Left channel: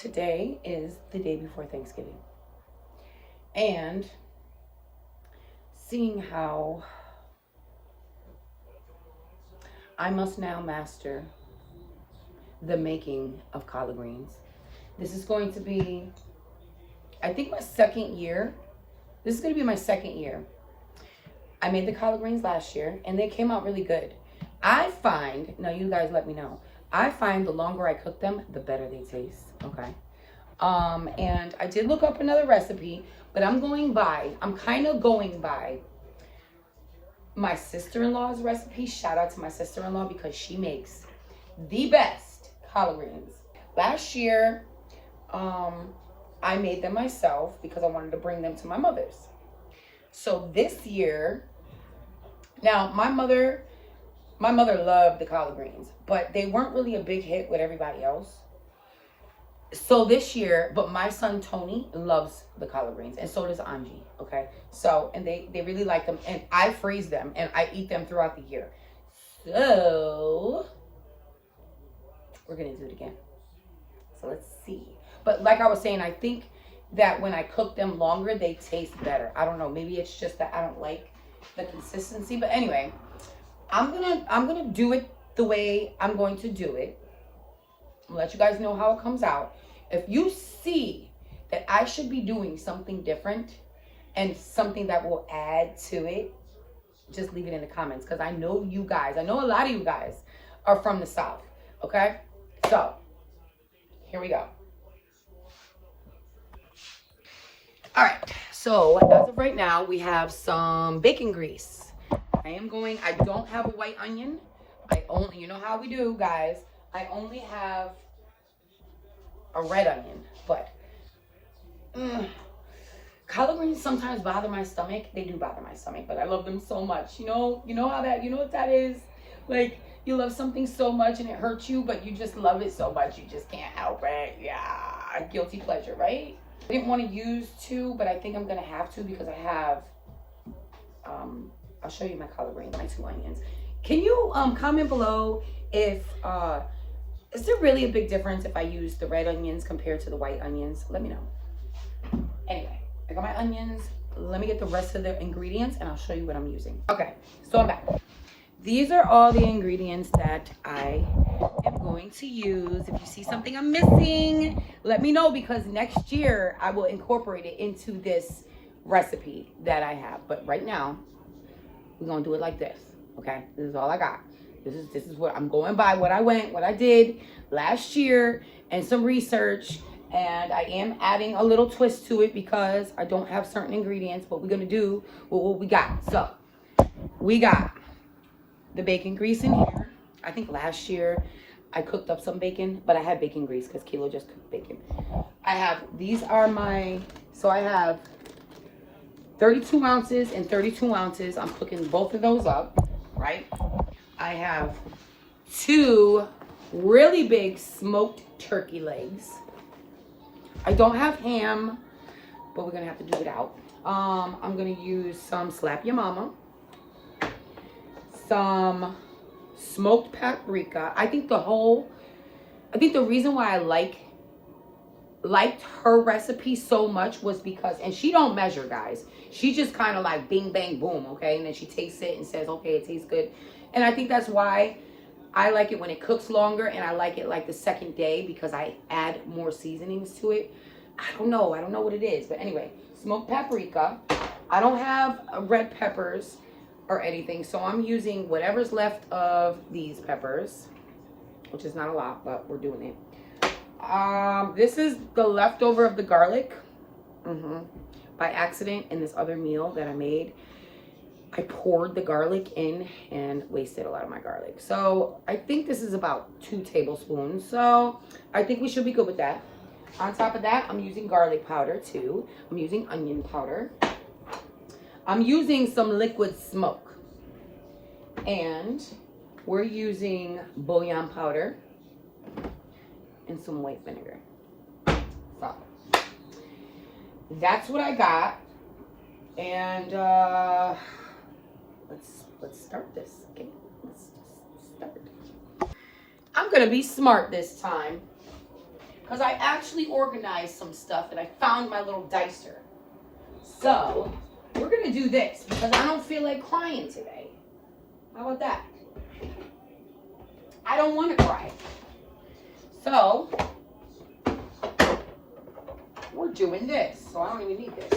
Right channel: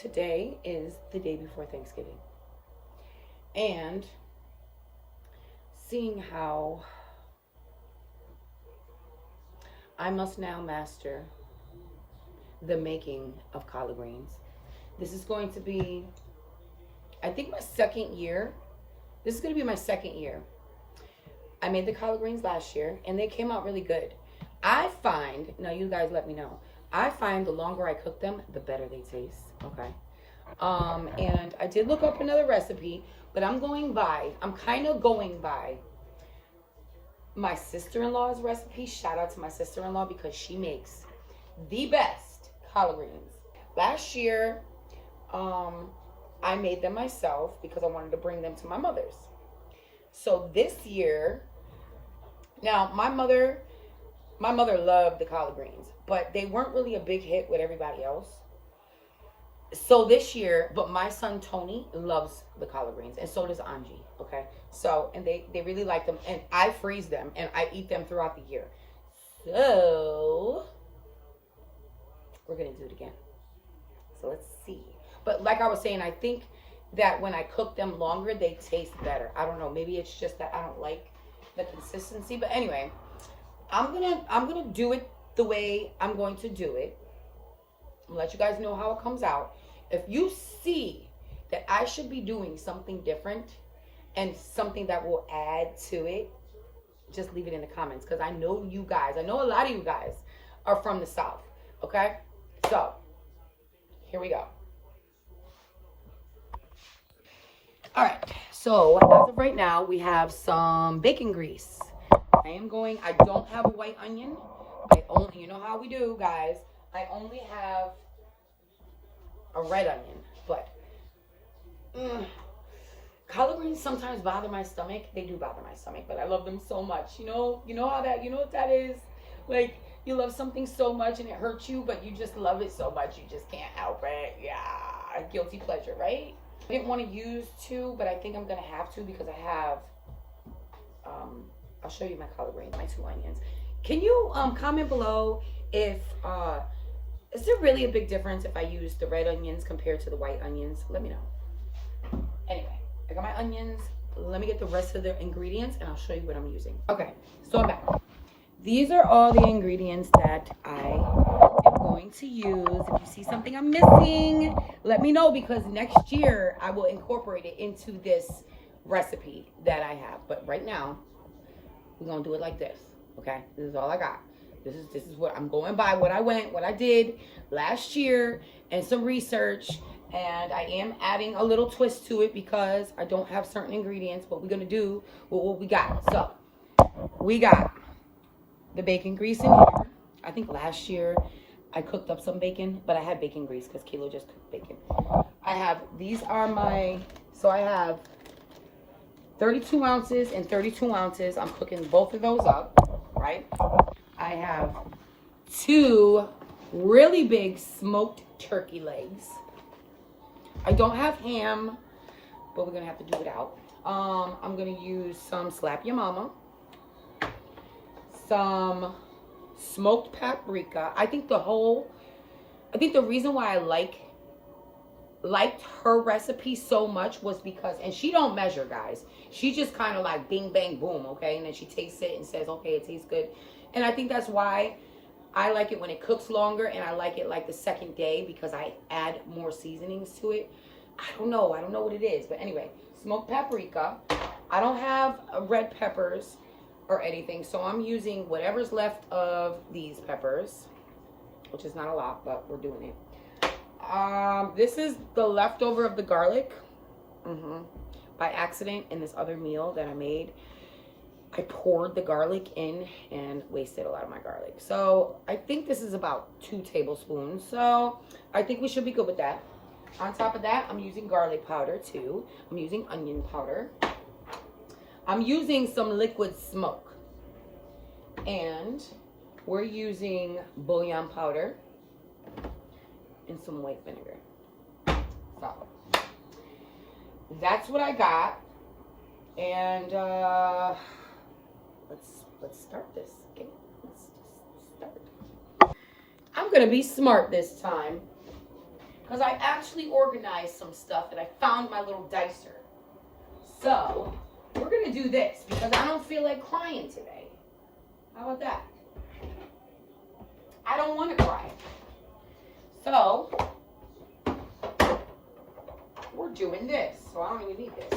Today is the day before Thanksgiving. And seeing how I must now master the making of collard greens. This is going to be, I think, my second year. This is going to be my second year. I made the collard greens last year and they came out really good. I find, now you guys let me know, I find the longer I cook them, the better they taste, okay? And I did look up another recipe, but I'm kind of going by my sister-in-law's recipe. Shout out to my sister-in-law because she makes the best collard greens. Last year, I made them myself because I wanted to bring them to my mother's. So this year, now my mother loved the collard greens, but they weren't really a big hit with everybody else. So this year, but my son Tony loves the collard greens, and so does Angie, okay? So, and they really like them, and I freeze them, and I eat them throughout the year. So, we're gonna do it again. So let's see. But like I was saying, I think that when I cook them longer, they taste better. I don't know, maybe it's just that I don't like the consistency, but anyway, I'm gonna do it the way I'm going to do it. I'll let you guys know how it comes out. If you see that I should be doing something different and something that will add to it, just leave it in the comments, because I know you guys, I know a lot of you guys are from the South, okay? So, here we go. All right, so as of right now, we have some bacon grease. I don't have a white onion. You know how we do, guys. I only have a red onion, but collard greens sometimes bother my stomach. They do bother my stomach, but I love them so much. You know what that is? Like, you love something so much and it hurts you, but you just love it so much you just can't help it. Yeah, guilty pleasure, right? I didn't want to use two, but I think I'm gonna have to because I have I'll show you my collard greens, my 2 onions. Can you comment below if is there really a big difference if I use the red onions compared to the white onions? Let me know. Anyway, I got my onions. Let me get the rest of the ingredients and I'll show you what I'm using. Okay, so I'm back. These are all the ingredients that I am going to use. If you see something I'm missing, let me know, because next year I will incorporate it into this recipe that I have. But right now, we're gonna do it like this, okay? This is all I got. This is what I'm going by, what I did last year, and some research, and I am adding a little twist to it because I don't have certain ingredients, but we're gonna do what we got. So, we got the bacon grease in here. I think last year I cooked up some bacon, but I had bacon grease because Kilo just cooked bacon. I have 32 ounces and 32 ounces. I'm cooking both of those up, right? I have 2 really big smoked turkey legs. I don't have ham, but we're gonna have to do it out. I'm gonna use some Slap Your Mama, some smoked paprika. I think the reason why I liked her recipe so much was because, and she don't measure, guys. She just kind of like bing, bang, boom, okay? And then she tastes it and says, okay, it tastes good. And I think that's why I like it when it cooks longer, and I like it like the second day because I add more seasonings to it. I don't know what it is. But anyway, smoked paprika. I don't have red peppers or anything, so I'm using whatever's left of these peppers, which is not a lot, but we're doing it. This is the leftover of the garlic. By accident, in this other meal that I made, I poured the garlic in and wasted a lot of my garlic. So I think this is about 2 tablespoons. So I think we should be good with that. On top of that, I'm using garlic powder too. I'm using onion powder. I'm using some liquid smoke. And we're using bouillon powder and some white vinegar. So that's what I got. And let's start this. Okay, let's just start. I'm gonna be smart this time. because I actually organized some stuff and I found my little dicer. So we're going to do this because I don't feel like crying today. How about that? I don't want to cry. So we're doing this. So I don't even need this.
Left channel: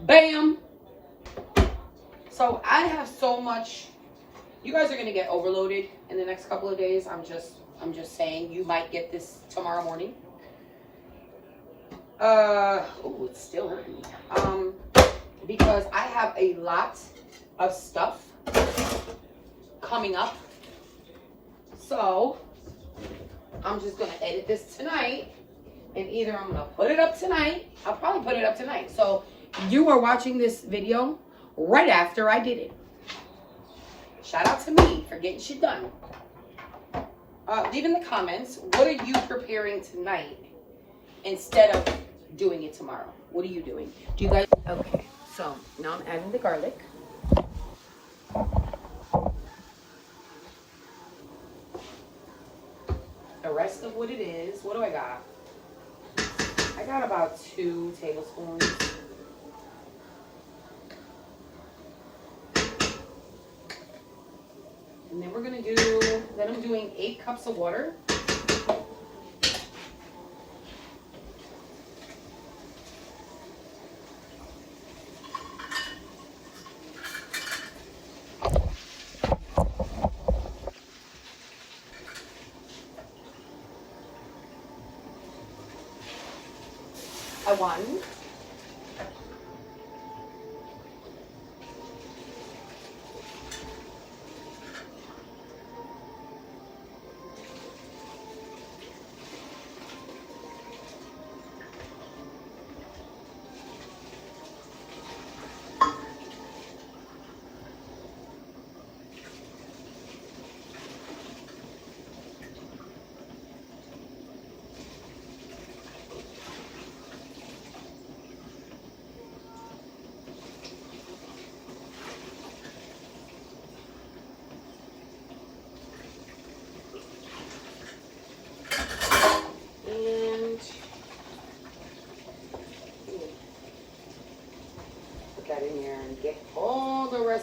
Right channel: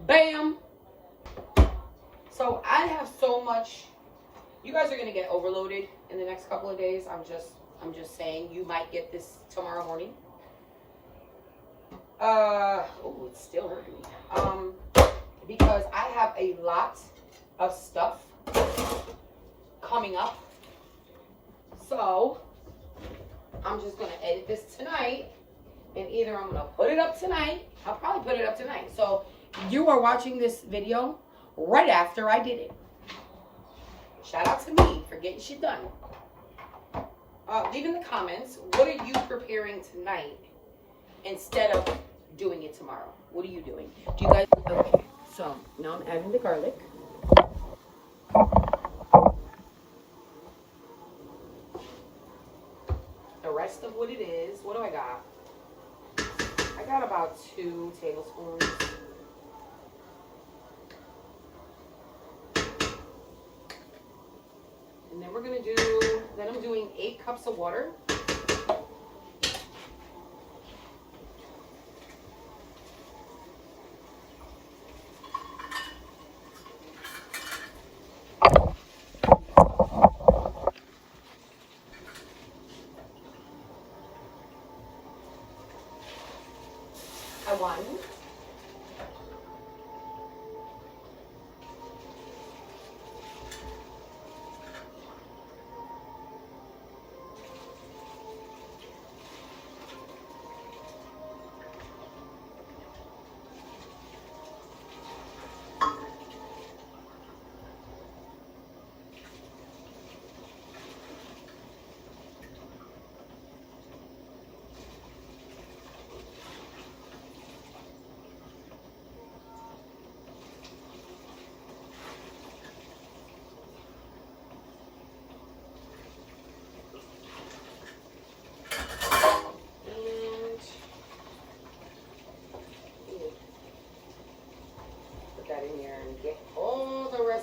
Bam. So I have so much. You guys are going to get overloaded in the next couple of days. I'm just saying you might get this tomorrow morning. Oh, it's still hurting me. Because I have a lot of stuff coming up. So I'm just going to edit this tonight. And either I'm going to put it up tonight. I'll probably put it up tonight. So you are watching this video right after I did it. Shout out to me for getting shit done. Leave in the comments, what are you preparing tonight instead of doing it tomorrow? What are you doing? Do you guys... Okay, so now I'm adding the garlic. The rest of what it is, what do I got? I got about 2 tablespoons. And then we're going to do, then I'm doing 8 cups of water. I want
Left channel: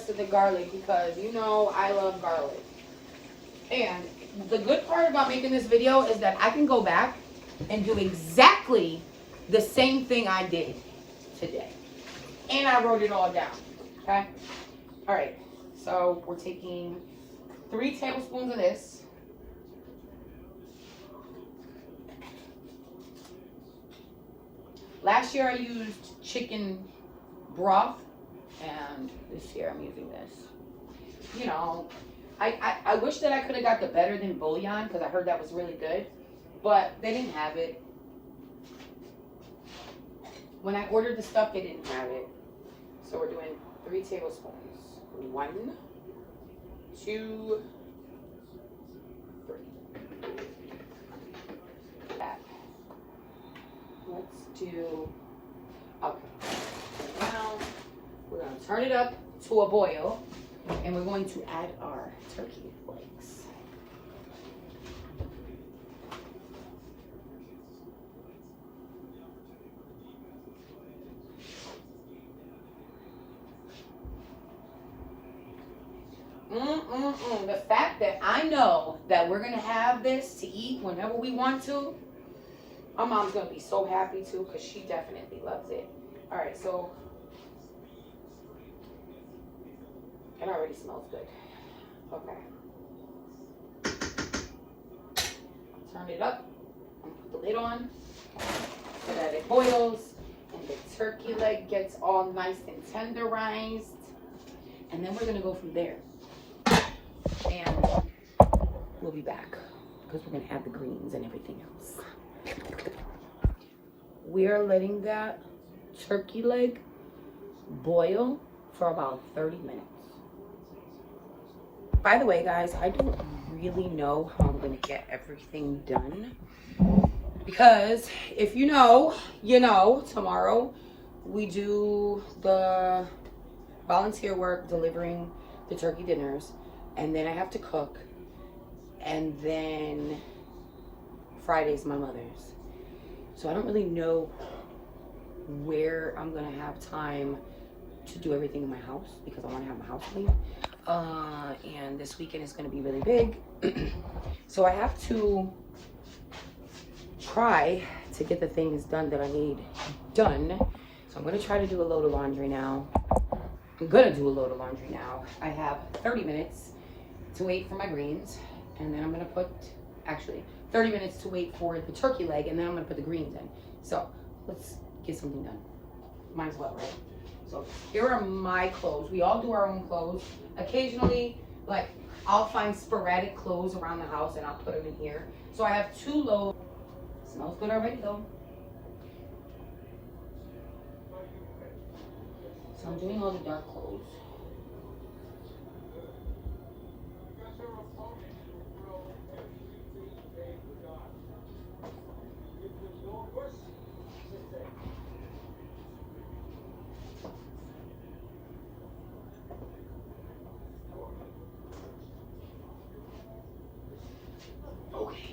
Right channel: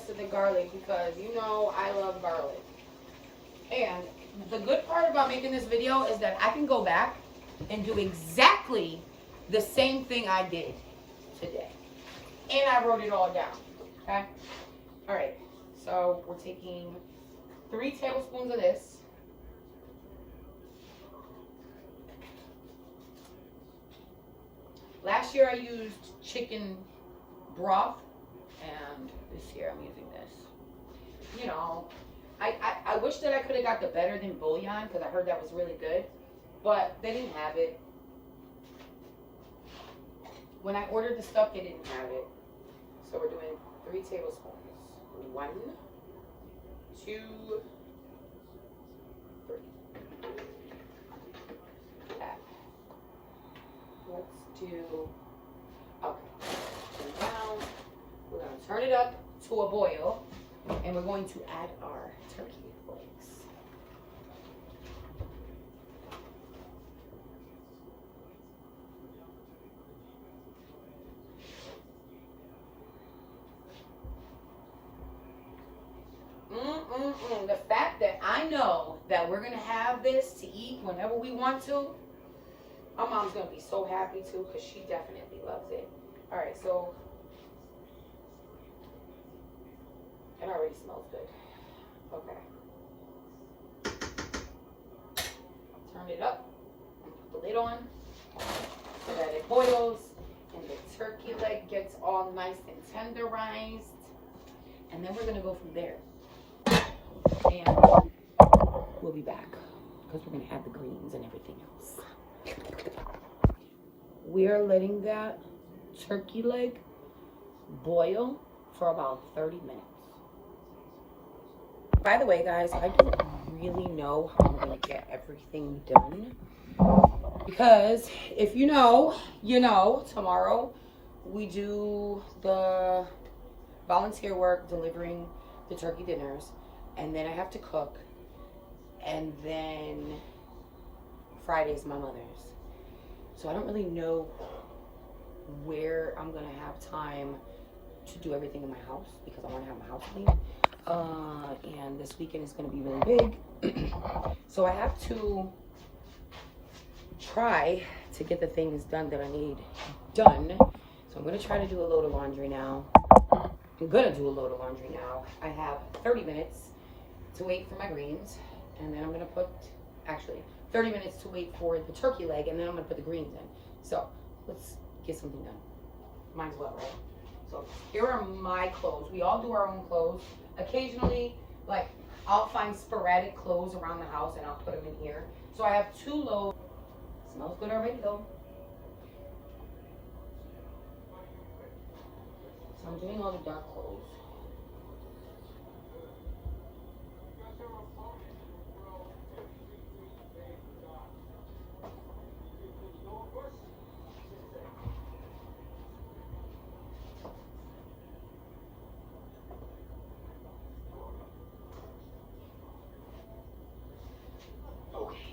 of the garlic because you know I love garlic. And the good part about making this video is that I can go back and do exactly the same thing I did today. And I wrote it all down. Okay? Alright. So we're taking 3 tablespoons of this. Last year I used chicken broth. And this year I'm using this. You know, I wish that I could have got the better than bouillon because I heard that was really good. But they didn't have it. When I ordered the stuff, they didn't have it. So we're doing 3 tablespoons. 1, 2, 3. That. Let's do, okay. Now, we're going to turn it up to a boil, and we're going to add our turkey legs. The fact that I know that we're going to have this to eat whenever we want to, my mom's going to be so happy too because she definitely loves it. All right, so it already smells good. Okay. Turn it up and put the lid on so that it boils and the turkey leg gets all nice and tenderized. And then we're going to go from there. And we'll be back because we're going to add the greens and everything else. We are letting that turkey leg boil for about 30 minutes. By the way, guys, I don't really know how I'm going to get everything done. Because if you know, you know, tomorrow we do the volunteer work delivering the turkey dinners. And then I have to cook. and then Friday's my mother's. So I don't really know where I'm gonna have time to do everything in my house because I want to have my house clean. And this weekend is gonna be really big. So I have to try to get the things done that I need done. So I'm gonna try to do a load of laundry now. I'm gonna do a load of laundry now. I have 30 minutes to wait for my greens, and then I'm gonna put, actually 30 minutes to wait for the turkey leg, and then I'm gonna put the greens in. So let's get something done. Might as well, right? So here are my clothes. We all do our own clothes. Occasionally, like, I'll find sporadic clothes around the house and I'll put them in here. So I have 2 loads. Smells good already though. So I'm doing all the dark clothes. Okay.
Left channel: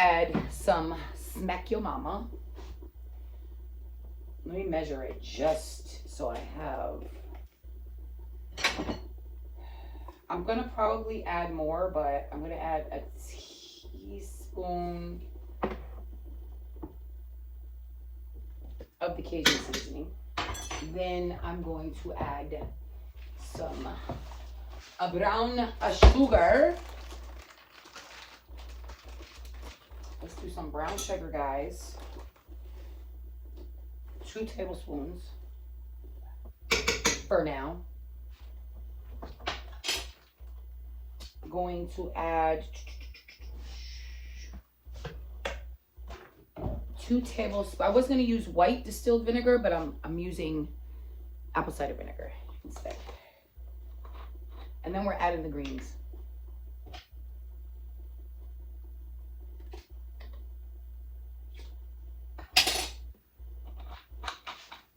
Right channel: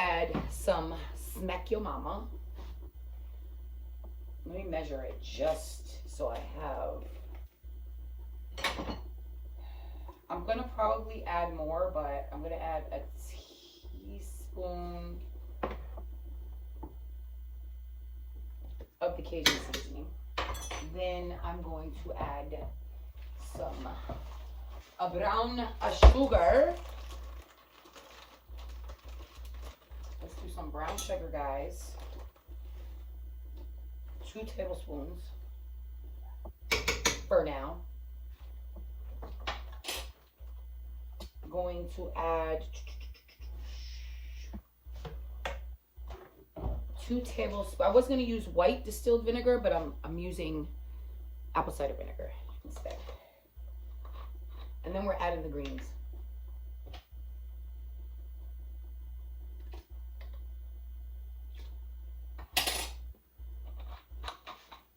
Add some Smack Your Mama. Let me measure it just so I have. I'm gonna probably add more, but I'm gonna add a teaspoon of the Cajun seasoning. Then I'm going to add some brown sugar. Let's do some brown sugar, guys. 2 tablespoons for now. I'm going to add 2 tablespoons. I was going to use white distilled vinegar, but I'm using apple cider vinegar instead. And then we're adding the greens.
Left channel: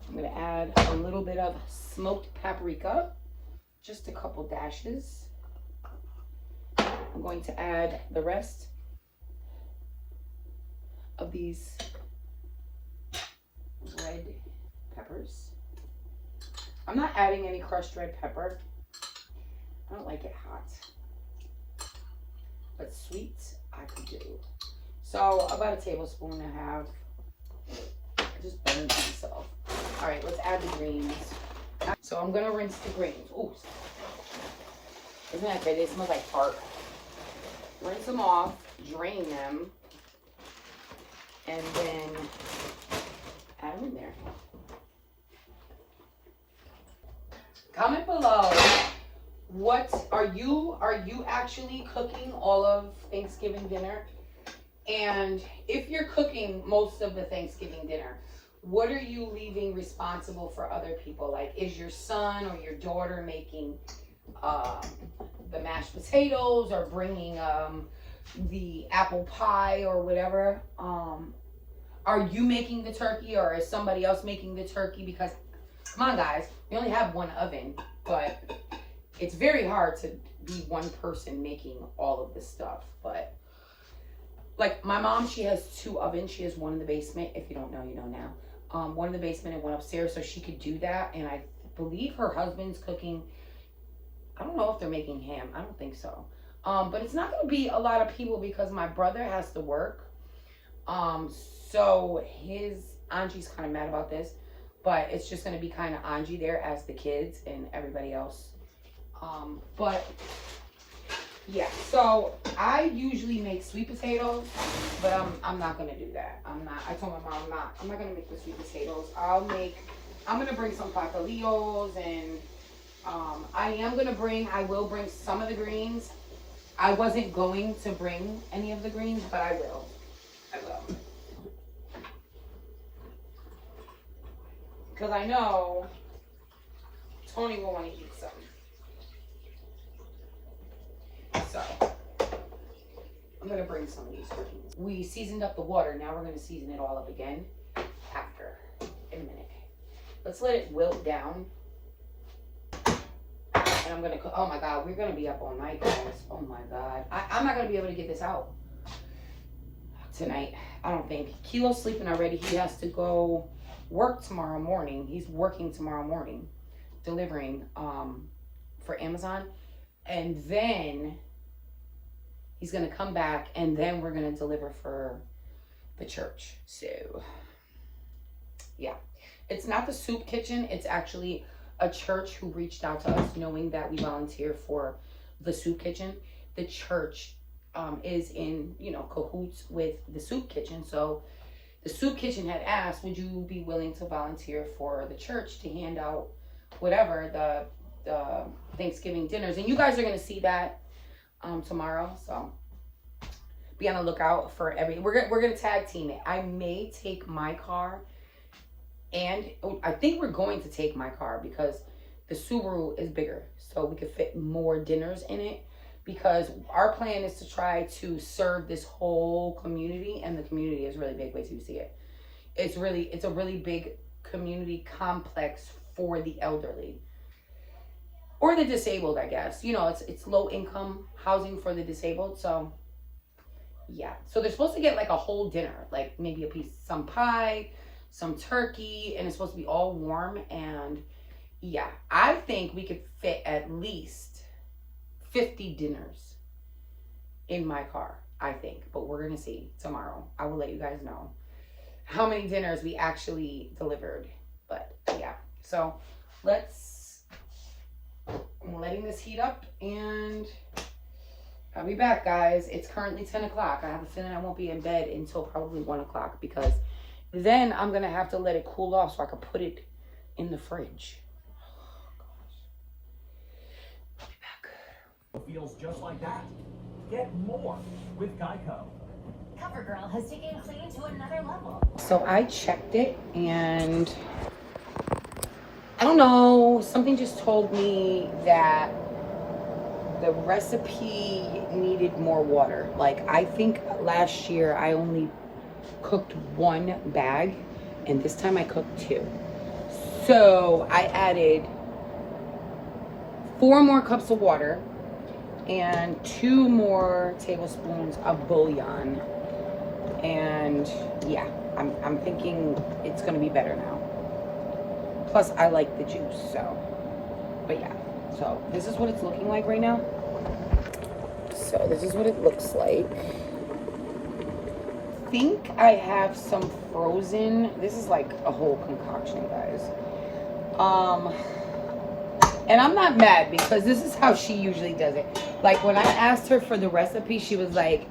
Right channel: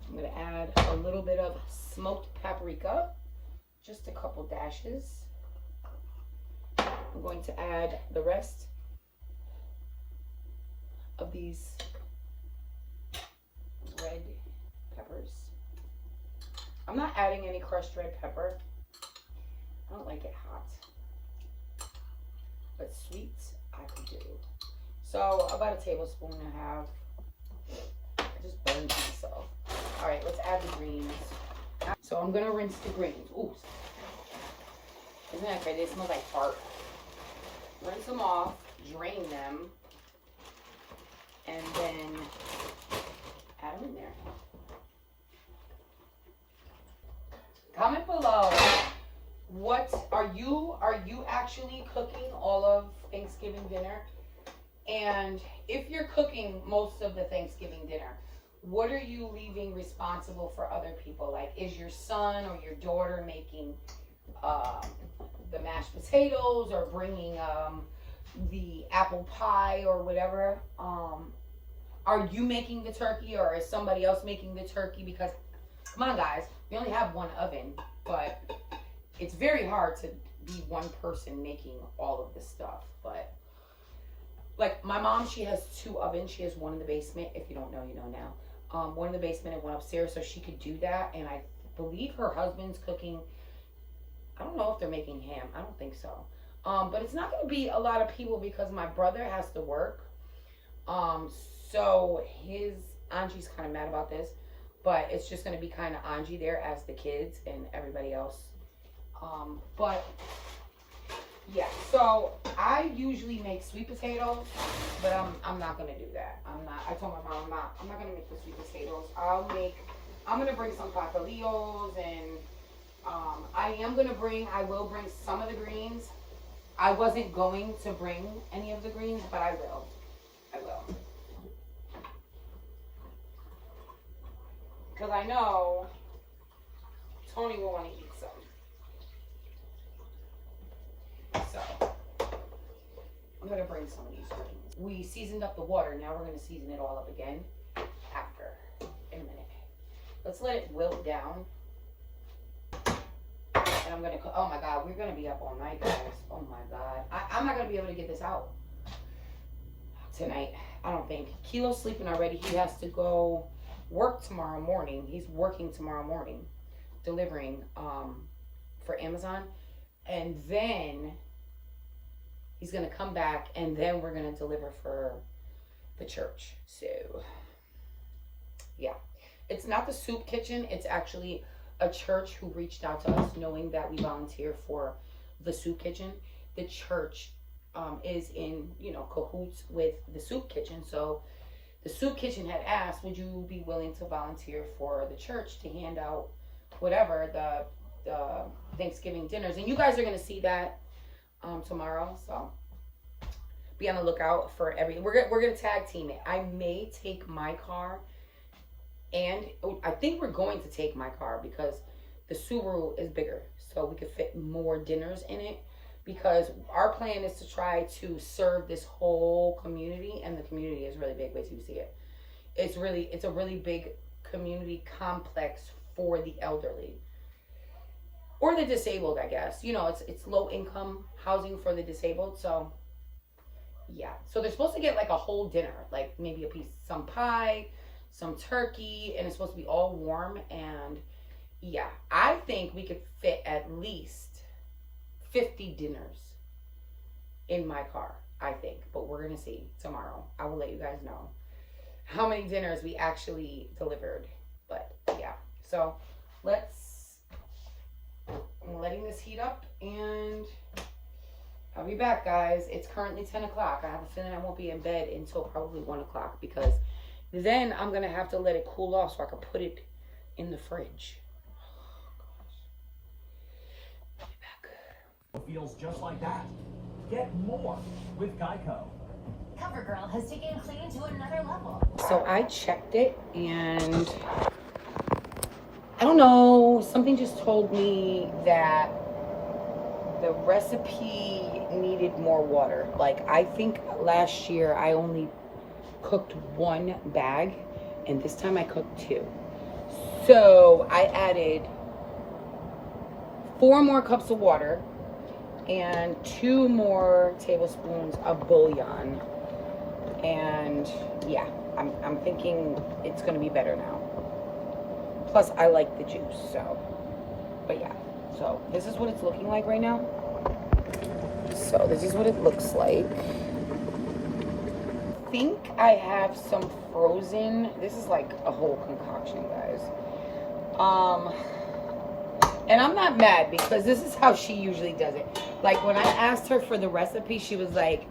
I'm going to add a little bit of smoked paprika, just a couple dashes. I'm going to add the rest of these red peppers. I'm not adding any crushed red pepper. I don't like it hot, but sweet I could do. So about a tablespoon and a half. I just burned myself. All right, let's add the greens. So I'm gonna rinse the greens. Ooh, isn't that great? They smell like fart. Rinse them off, drain them, and then add them in there. Comment below, what are you actually cooking all of Thanksgiving dinner? And if you're cooking most of the Thanksgiving dinner, what are you leaving responsible for other people? Like, is your son or your daughter making the mashed potatoes or bringing the apple pie or whatever? Are you making the turkey or is somebody else making the turkey? Because, come on guys, we only have one oven, but it's very hard to be one person making all of this stuff. But like my mom, she has 2 ovens. She has one in the basement. If you don't know, you know now. One in the basement and one upstairs, so she could do that. And I believe her husband's cooking. I don't know if they're making ham. I don't think so. But it's not going to be a lot of people because my brother has to work. So his Angie's kind of mad about this, but it's just going to be kind of Angie there as the kids and everybody else. But yeah, so I usually make sweet potatoes, but I'm not gonna do that. I told my mom I'm not gonna make the sweet potatoes. I'm gonna bring some pastelillos and I will bring some of the greens. I wasn't going to bring any of the greens, but I will. Because I know Tony will want to eat some. So, I'm gonna bring some of these cookies. We seasoned up the water. Now we're gonna season it all up again after, in a minute. Let's let it wilt down. And I'm gonna cook. Oh my God, we're gonna be up all night, guys. Oh my God. I'm not gonna be able to get this out tonight. I don't think. Kilo's sleeping already. He has to go work tomorrow morning. He's working tomorrow morning, delivering for Amazon. And then he's gonna come back, and then we're gonna deliver for the church. So yeah, it's not the soup kitchen. It's actually a church who reached out to us knowing that we volunteer for the soup kitchen. The church is in, you know, cahoots with the soup kitchen. So the soup kitchen had asked, would you be willing to volunteer for the church to hand out whatever the Thanksgiving dinners? And you guys are going to see that tomorrow. So be on the lookout for we're going to tag team it. I may take my car, and I think we're going to take my car because the Subaru is bigger, so we could fit more dinners in it, because our plan is to try to serve this whole community, and the community is really big. Wait till you see it. It's a really big community complex for the elderly or the disabled, I guess. You know, it's low income housing for the disabled. So yeah, so they're supposed to get like a whole dinner, like maybe some pie, some turkey, and it's supposed to be all warm. And yeah, I think we could fit at least 50 dinners in my car, I think. But we're gonna see tomorrow. I will let you guys know how many dinners we actually delivered. But yeah, so I'm letting this heat up, and I'll be back, guys. It's currently 10 o'clock. I have a feeling I won't be in bed until probably 1 o'clock, because then I'm gonna have to let it cool off so I can put it in the fridge. Oh, gosh. I'll be back. Feels just like that. Get more with Geico. CoverGirl has taken clean to another level. So I checked it, and I don't know, something just told me that the recipe needed more water. Like, I think last year I only cooked 1 bag, and this time I cooked 2. So I added 4 more cups of water and 2 more tablespoons of bouillon. And yeah, I'm thinking it's gonna be better now. Plus I like the juice, so, but yeah. So this is what it's looking like right now. So this is what it looks like. I think I have some frozen, this is like a whole concoction, guys. And I'm not mad, because this is how she usually does it. Like, when I asked her for the recipe, she was like,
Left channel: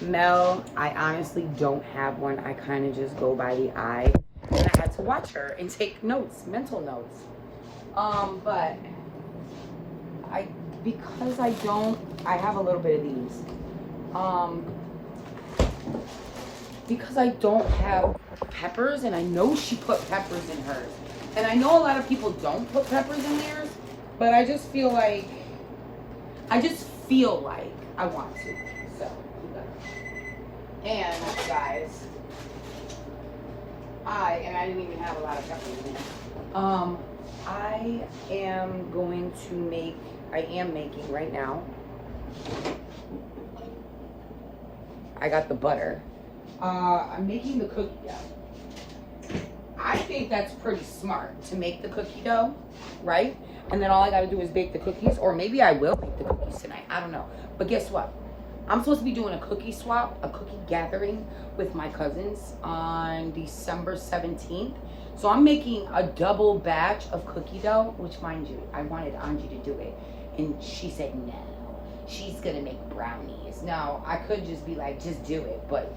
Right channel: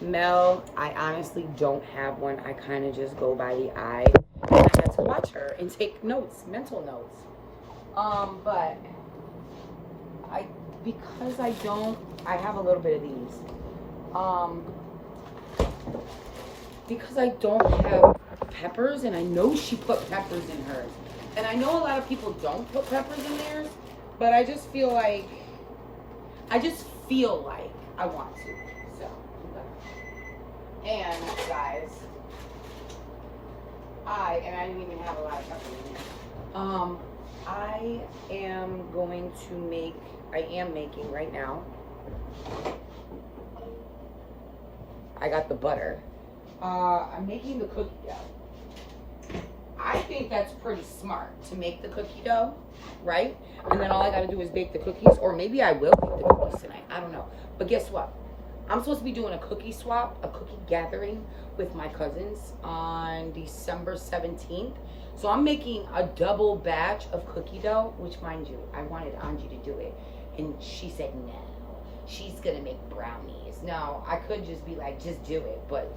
Mel, I honestly don't have one. I kind of just go by the eye. And I had to watch her and take notes, mental notes. But because I have a little bit of these. Because I don't have peppers, and I know she put peppers in hers. And I know a lot of people don't put peppers in theirs, but I just feel like I want to. So, and guys, I didn't even have a lot of peppers in there. I am making right now. I got the butter. I'm making the cookie dough. I think that's pretty smart to make the cookie dough, right? And then all I gotta do is bake the cookies, or maybe I will bake the cookies tonight. I don't know. But guess what? I'm supposed to be doing a cookie swap, a cookie gathering with my cousins on December 17th. So I'm making a double batch of cookie dough, which, mind you, I wanted Angie to do it. And she said no, she's gonna make brownies. Now, I could just be like, just do it. But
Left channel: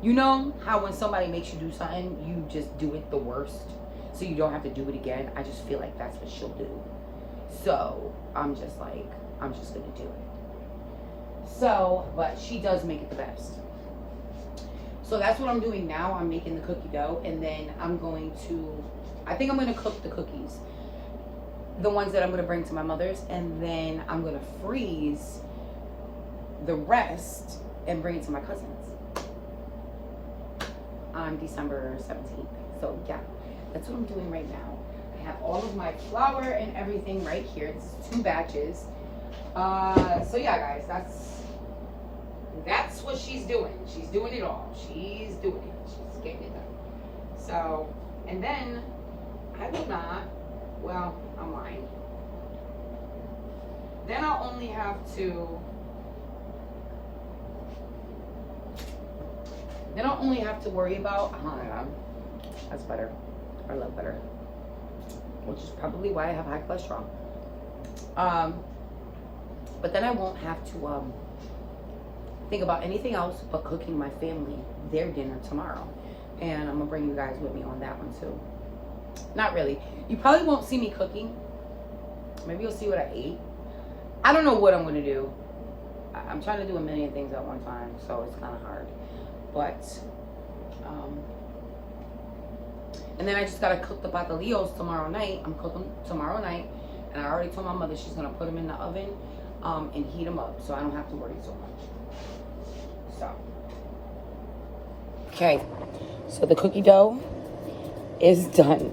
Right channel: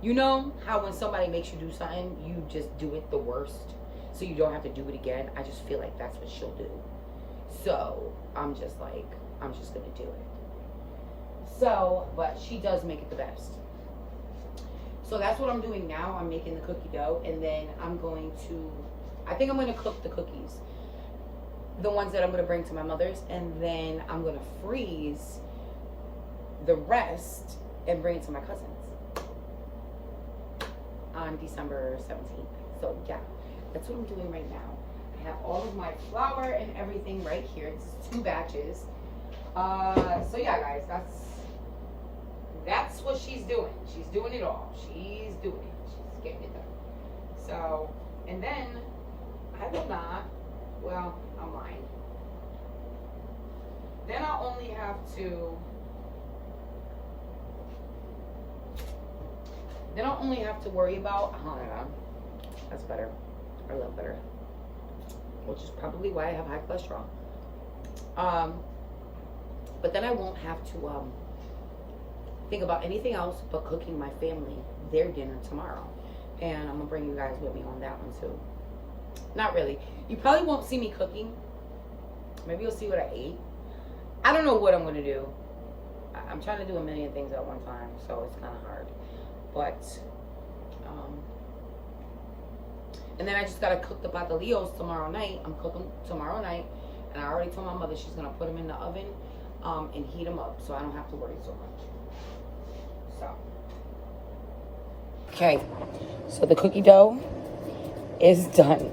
you know how when somebody makes you do something, you just do it the worst, so you don't have to do it again? I just feel like that's what she'll do. So I'm just like, I'm just gonna do it. So, but she does make it the best. So that's what I'm doing now. I'm making the cookie dough, and then I think I'm gonna cook the cookies, the ones that I'm gonna bring to my mother's, and then I'm gonna freeze the rest and bring it to my cousins on December 17th. So yeah, that's what I'm doing right now. I have all of my flour and everything right here. This is 2 batches. So yeah, guys, that's what she's doing. She's doing it all. She's doing it. She's getting it done. So, and then I will not, well, I'm lying. Then I'll only have to, worry about, I don't know, that's better, or a little better, which is probably why I have high cholesterol. But then I won't have to think about anything else but cooking my family their dinner tomorrow. And I'm gonna bring you guys with me on that one too. Not really. You probably won't see me cooking. Maybe you'll see what I ate. I don't know what I'm gonna do. I'm trying to do a million things at one time, so it's kind of hard. But, and then I just gotta cook the patelillos tomorrow night. I'm cooking tomorrow night, and I already told my mother she's gonna put them in the oven and heat them up, so I don't have to worry so much. So, okay, so the cookie dough is done.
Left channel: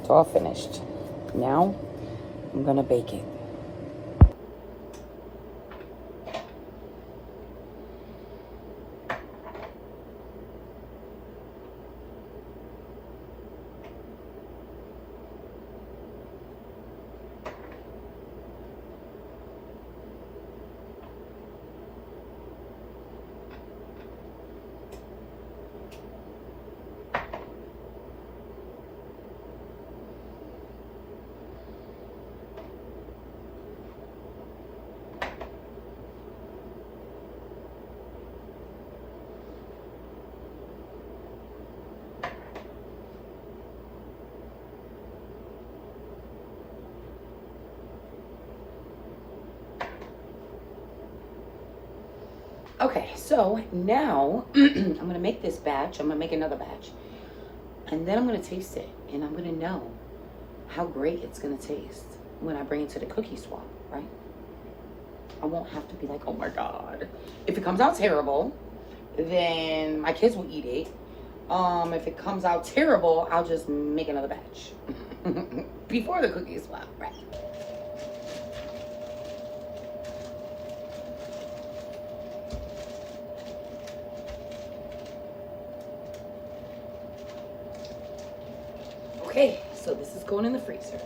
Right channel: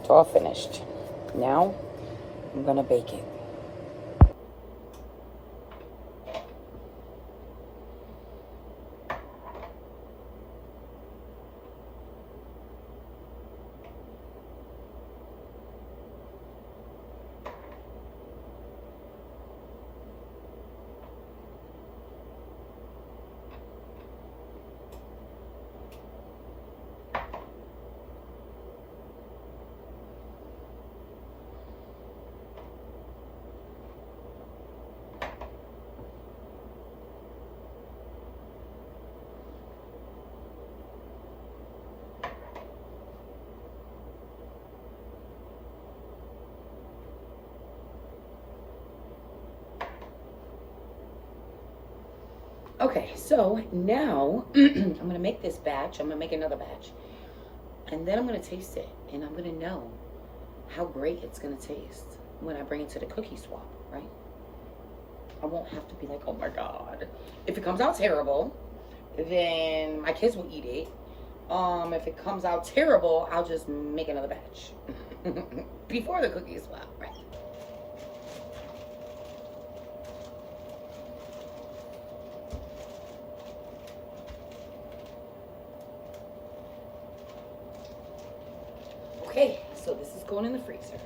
It's all finished. Now I'm gonna bake it. Okay, so now I'm gonna make this batch. I'm gonna make another batch, and then I'm gonna taste it, and I'm gonna know how great it's gonna taste when I bring it to the cookie swap, right? I won't have to be like, oh my God. If it comes out terrible, then my kids will eat it. If it comes out terrible, I'll just make another batch before the cookie swap, right? Okay, so this is going in the freezer.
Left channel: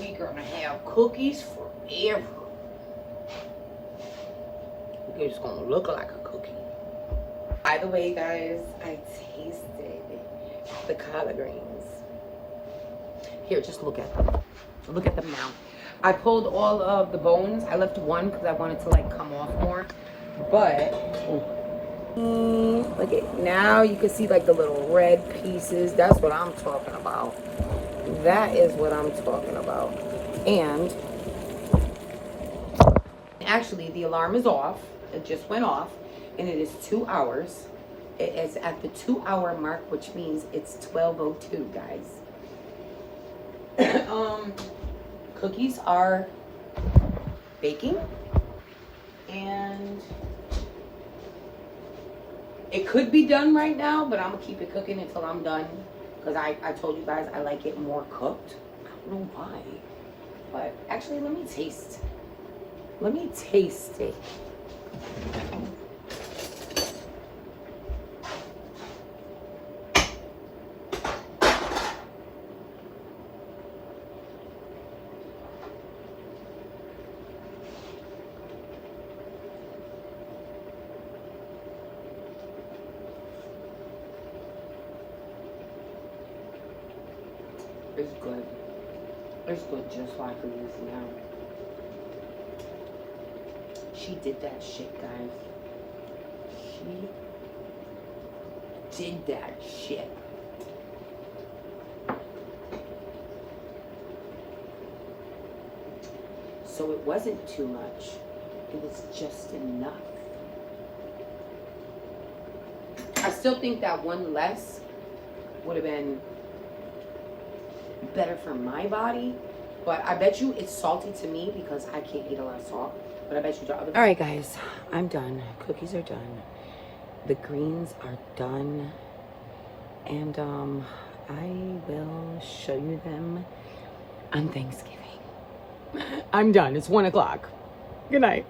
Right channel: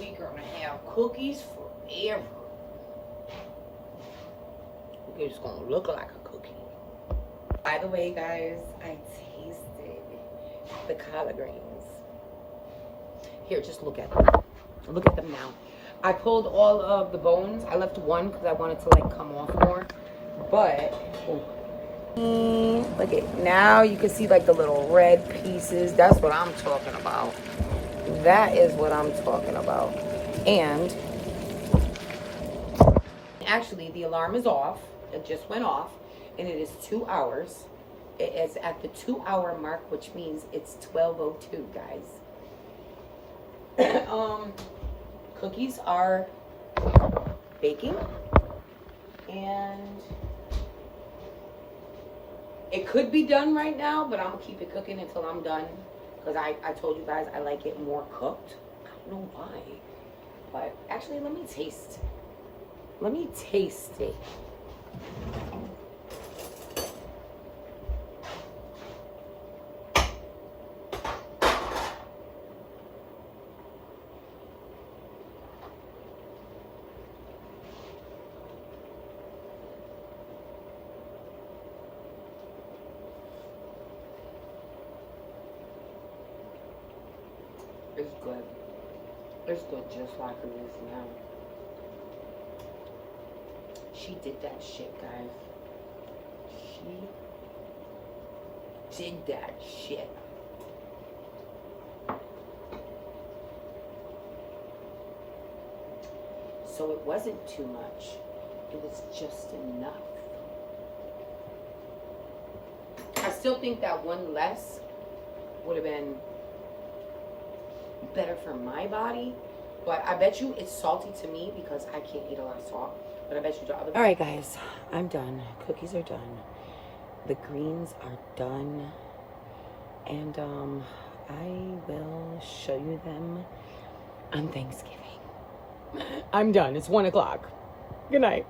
We're gonna have cookies forever. It's gonna look like a cookie. By the way, guys, I tasted the collard greens. Here, just look at them. Look at them now. I pulled all of the bones. I left one because I wanted to like come off more. But look at, now you can see like the little red pieces. That's what I'm talking about. That is what I'm talking about. And actually the alarm is off. It just went off, and it is 2 hours. It is at the 2 hour mark, which means it's 12:02, guys. Cookies are baking, and it could be done right now, but I'm gonna keep it cooking until I'm done, because I told you guys I like it more cooked. I don't know why, but actually let me taste it. It's good. It's good just like it is now. She did that shit, guys. She did that shit. So it wasn't too much. It was just enough. I still think that one less would have been better for my body. But I bet you it's salty to me because I can't eat a lot of salt. But I bet you the other. All right, guys, I'm done. Cookies are done. The greens are done. And I will show you them on Thanksgiving. I'm done. It's 1 o'clock. Good night.